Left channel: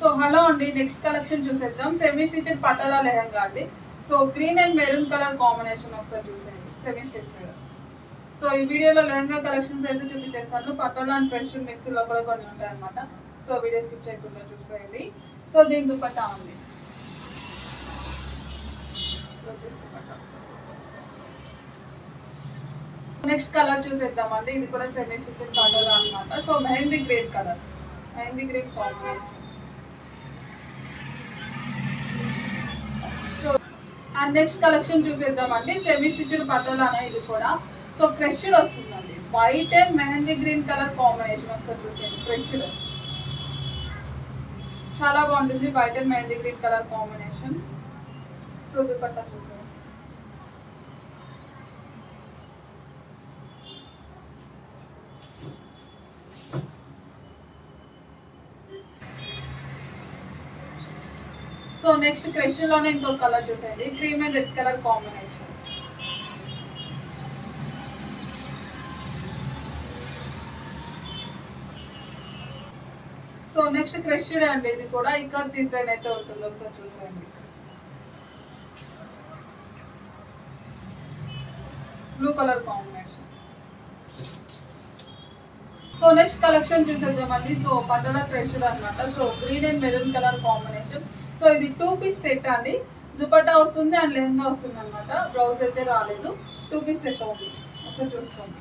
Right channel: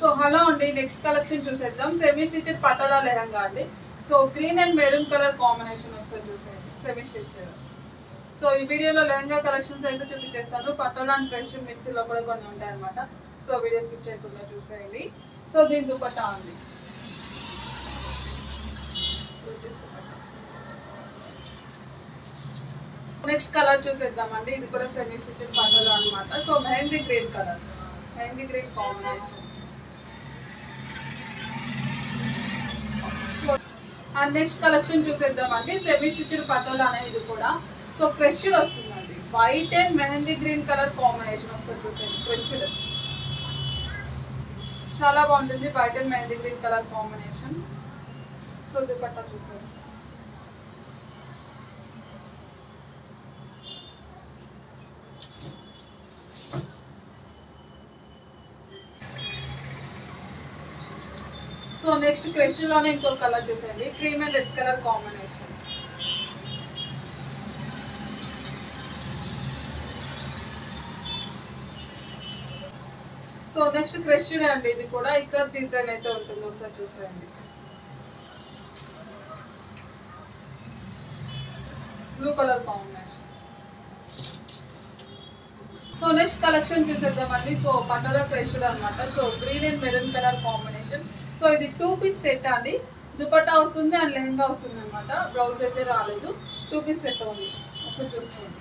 So hello అండి, next collection చూసేద్దాం. Semi stitched patola lehenga అండి. So green and maroon colour combination ఒకసారి చూసేయండి, సెమీ స్టిచ్డ్. సో ఈ వీడియోలో లెహంగా కలెక్షన్స్ అయితే చూపించేస్తాను. పటోలా అండ్ ఫ్రెష్ మిక్సీలో కూడా కొన్ని ఉంటాయి అనమాట. సో వీడియో స్కిప్ చేయకుండా చూసేయండి. సో దీని దుపట్టా ఉంది. నెక్స్ట్ కలర్ చూసేద్దామండి. ఇది కూడా సెమీ స్టిచ్డ్ పటోలా అనమాట. So mehndi green colour, mehndi green combination. So and next collection చూసేద్దామండి. సెమీ స్టిచ్డ్ పటోలా అనే ఇది కూడా. సో క్రష్డ్ వస్తుందండి, white and mehndi green colour combination. ఒకసారి చూసేయండి, క్రష్డ్ చాలా బాగుంటుంది. White and mehndi green colour combination. So dupatta చూసేయండి. సో నెక్స్ట్ క్రష్ లోనే ఇంకొక కలర్ చూసేయండి, cream and red colour combination. So next crush అండి, ఇది కూడా ఇక్కడ డిజైన్ అయితే ఉంటుంది. ఒకసారి చూసేయండి, blue colour combination. So next collection చూసేద్దామండి. సో పటోలా క్రష్ అనమాట. So green and maroon colour combination. So ఇది 2 పీస్ సెట్ అండి. దుపట్టా వస్తుంది అండ్ లెహంగా వస్తుంది అనమాట. బ్లౌజ్ అయితే రాలేదు, 2 పీస్ సెట్ ఉంది. ఒకసారి చూసుకోండి.